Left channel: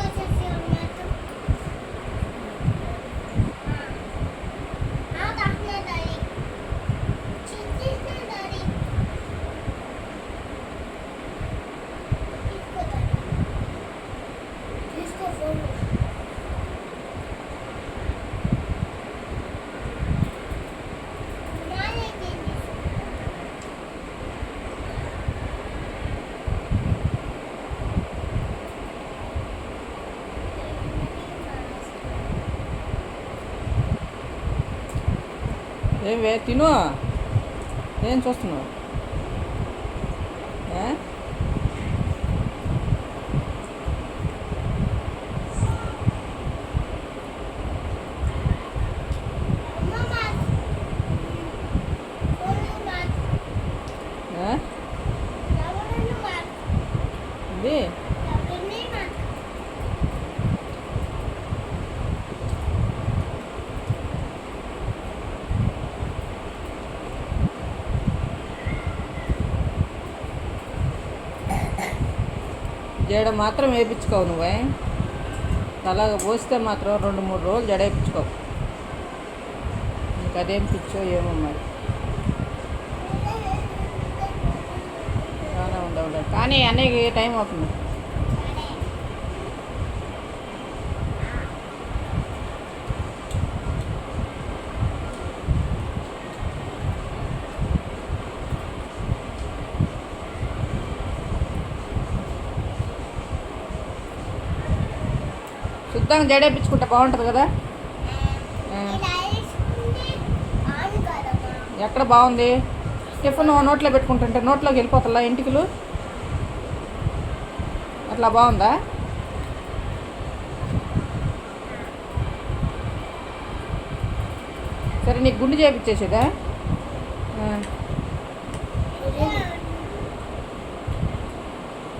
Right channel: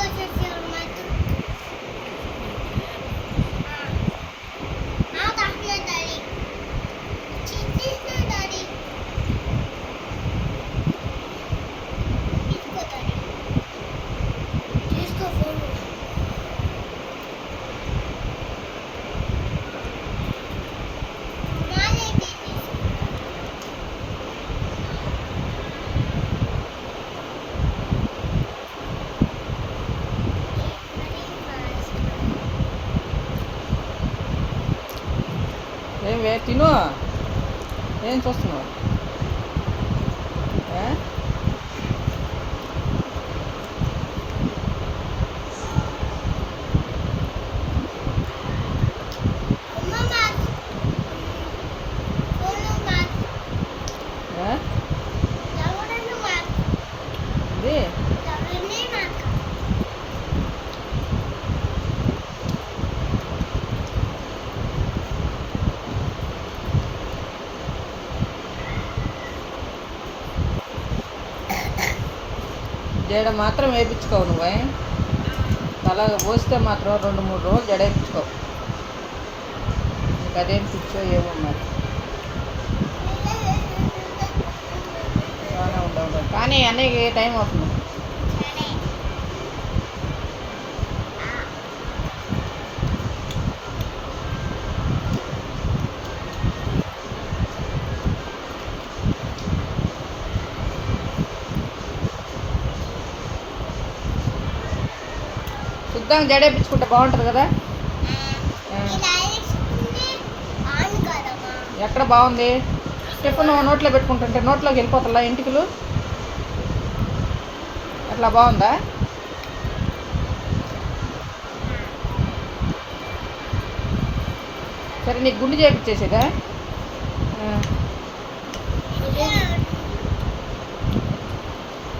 ulaşıyorum. ఏం వే తిను. ఏం చూస్తున్నావు? జడ మాత్రం వేయించుకోవు నువ్వే తల పోస్తే మాత్రం రెండు మూడు రోజులు జడ వేయించుకోవు నీకు అదేం పిచ్చో ఏమో మరి. బాగానే ఉండవు కానీ అన్నయ్యకి టైం అవుతుంది? శుద్ధంగా జడ వేయించుకుంటే బాగుంటుంది కదా? ఎక్కడ బాగుంది? టిఫిన్ నోట్లో పెట్టుకుంటుంటే నోట్లోకి వెళ్ళిపోతుందా ఇంటికలు? అట్లా బాగుందా? సరే నీకు గుండు చేయించేసేదా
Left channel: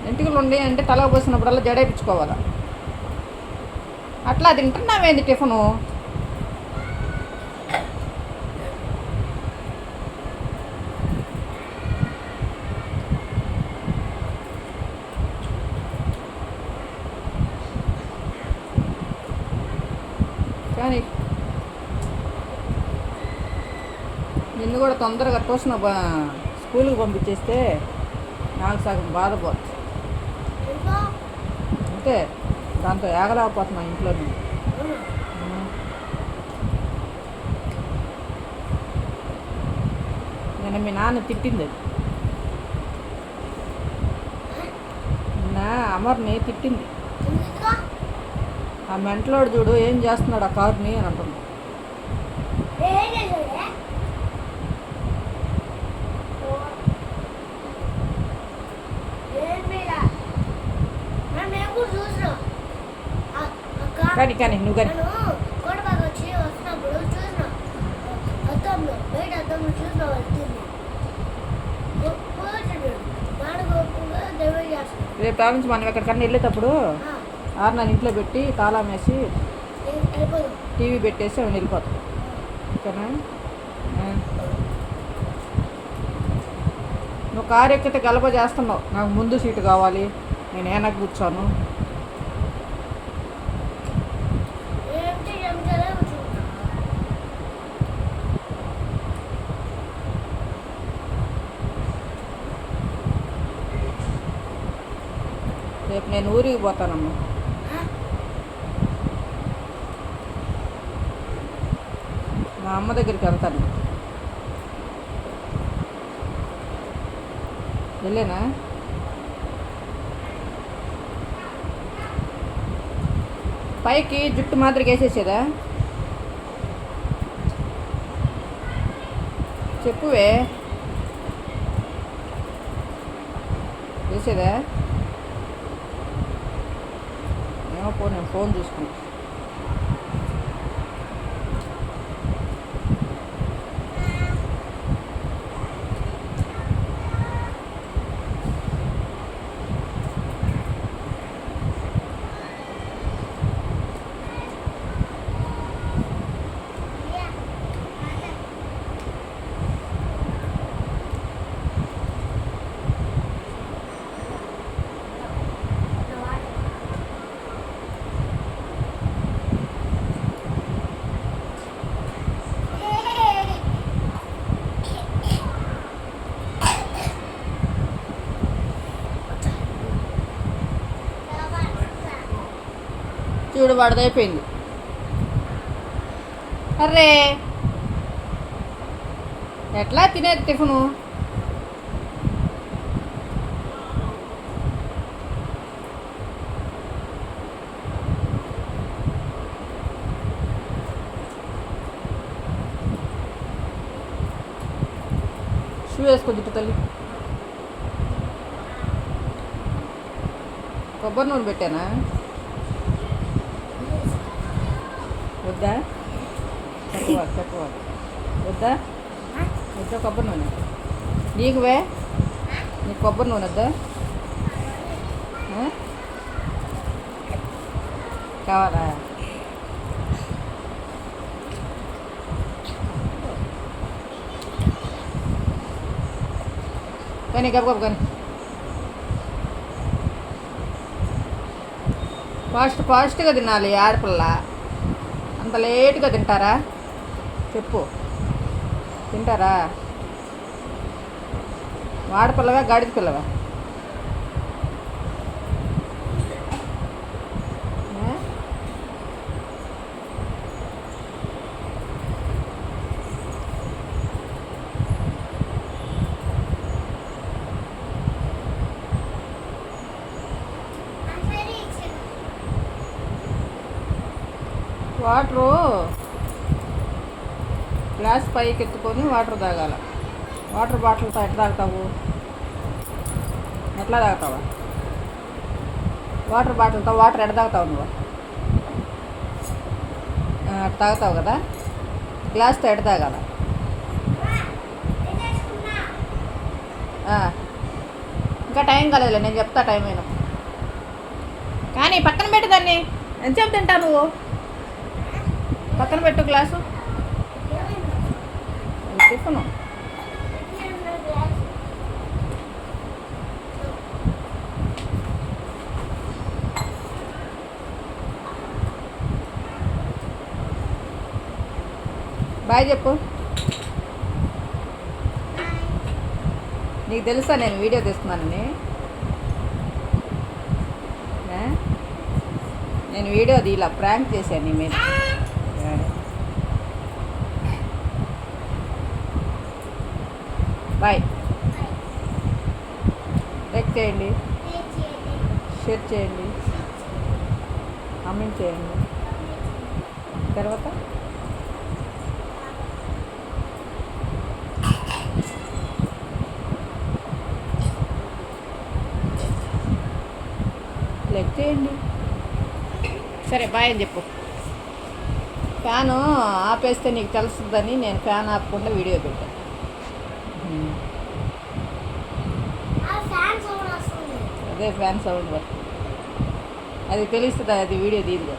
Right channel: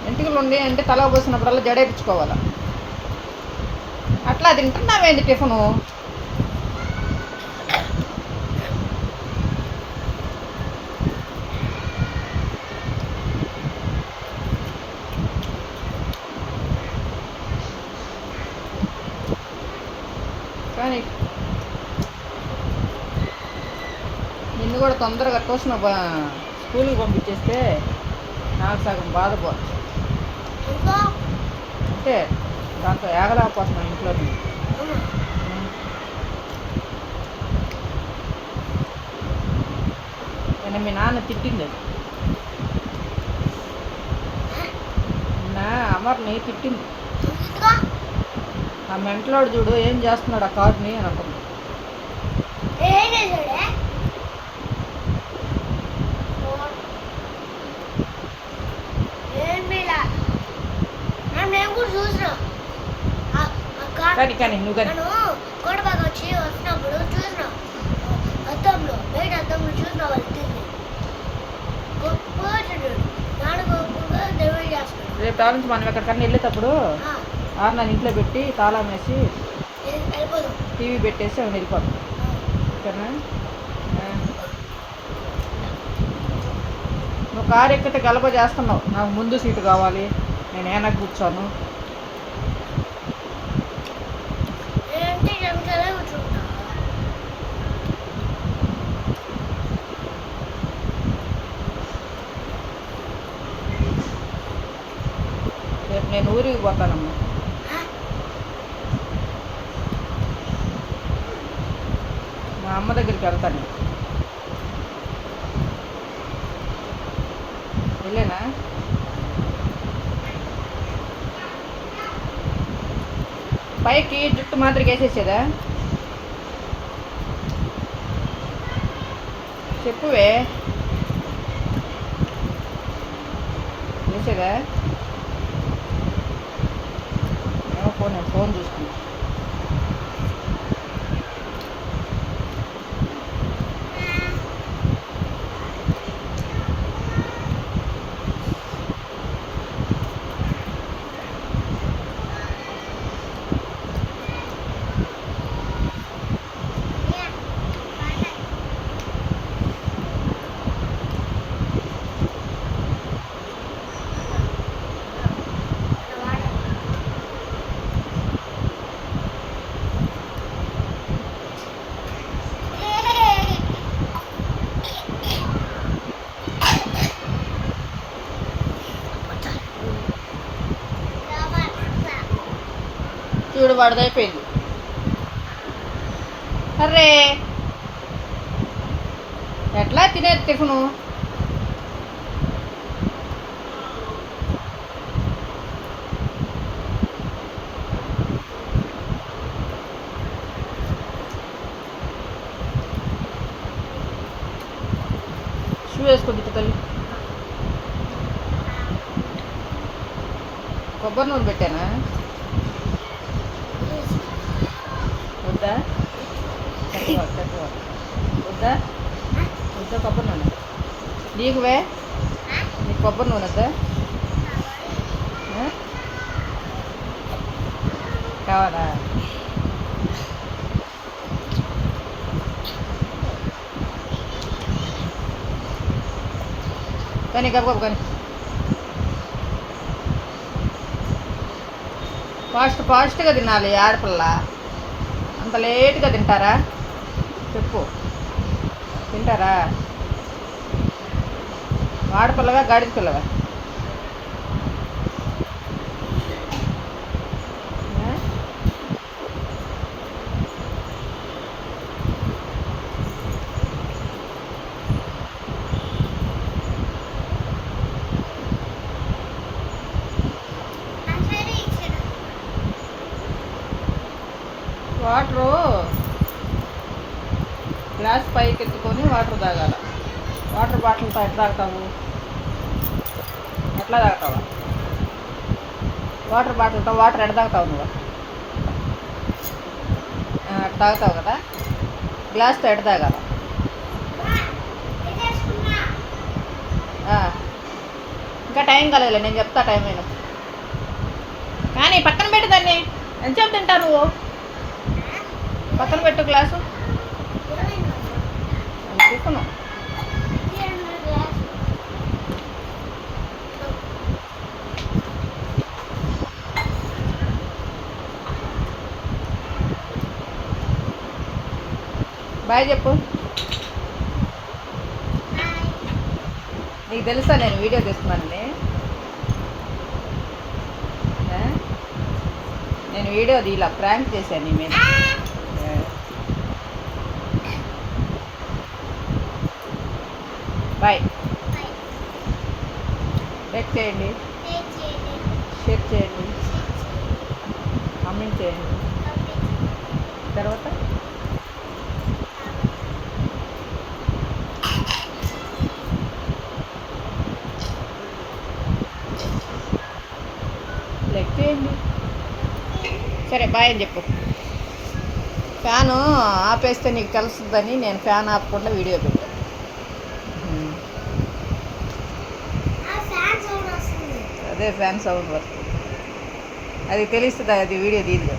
ఇంటికలు ఉండి అంటే తల పోసినప్పుడల్లా జడేపించుకోవాలా? అట్లా తింటున్నావేంది టిఫిను? కానీ నిన్ను కూడా తొందరగా ట్యూషన్ స్కూల్కి పంపించేస్తే నాకు సగం బాధపోవచ్చు అంటే దాంతో ఏగలేకపోతున్నా ఇంట్లో నేను నిన్న మీ నాన్న తిట్టింది అది. నిన్న అమర్ని తిట్టింది. ఆ మెంటలోడు చూడు ఏం చేస్తున్నాడు ఆ కారుని అని అంటుంది. చూసిన. కానీ కానీ నువ్వు కానీ. రేపు తాగించి మనం ఎక్కడికన్నా వెళ్ళేటప్పుడు ఆరు నన్ను ఇంట్లో పెట్టి తాళం వేసి టీవీ పెట్టేసి ఆమె వెళ్ళిపోతాం. ఓకేనా. నువ్వు కారు ఎక్కితే గలప చేస్తున్నావు. నాకు ముందు సీటు కావాలి. నేను వెనక్కి కూర్చోను. రేపు నేను ఊరికి పోతానమ్మా. మా అమ్మ దగ్గరికి వెళ్తాను. వెళ్ళేనా? పైకి జుట్టు మాదిరిగా వేసేసేదా? చెప్పువే. వేసేదా? ఏమో పో నేను ఫోన్ చూసుకుంటా మూడు వాడిది అర్రే! ఎట్లా తినేది టిఫిను? షూ వేసుకో దిట్టు తల్లి. కొబ్బరి నూనె పెట్టానా? వద్దా తక్కువ తక్కువ వద్దా వద్దా కొబ్బరి నూనె నీకువే నీకు కొబ్బరి నూనె వద్దా ఆ? కావాలా కానీ గబగబ కానీ ఫాస్ట్ ఫాస్ట్గా తినాలి ఆడపిల్ల అంత లేట్గా తింటారా? చెప్పు. తింటారా? వాడపిల్లవా గాడిద పిల్లవా ఆ? సరే ఇచ్చాను వాటరు గ్లాస్ పైకి ఎత్తుకొని వాటర్ తాగాల. వాటర్ బాటిల్తో ఎట్లా తాగుతావు? ఎట్లా తాగుతావా? వాటర్ బాటిల్తో వాటర్ ఎట్లా తాగుతావు నువ్వు? అట్లా తాగుతావు కదా? గ్లాస్తో ఎట్లా తాగాల? ఇంకా టైం కాలేదులే నేను చెప్తా టైం అయినా కానీ పక్కన పెట్టదాన్ని ఎంతసేపు తింటా నువ్వు? పక్కన పెట్టు గ్లాసు. అది టిఫను బాయ్ చెప్పు. నీకు తెలుసా నేను వీడియో తీస్తున్నానని? నేను వీడియో ఇలా ప్రాంక్ చేశాను నీ మీద ఆ. బాయ్ లైక్ చేయండి. షేర్ చేయండి. కామెంట్ చేయండి. తర్వాత? లైక్ చేయండి. సరే బాయ్ అని చెప్పు. ఫ్యాను ఆపేస్తే నీకు తెలుస్తుందని నేను ఫ్యాన్ ఆపకుండా వీడియో పెట్టాను అదే ఫ్యాన్ సౌండ్ వస్తుంది అది తెలుస్తుంది అది వీడియో తీయదు కదా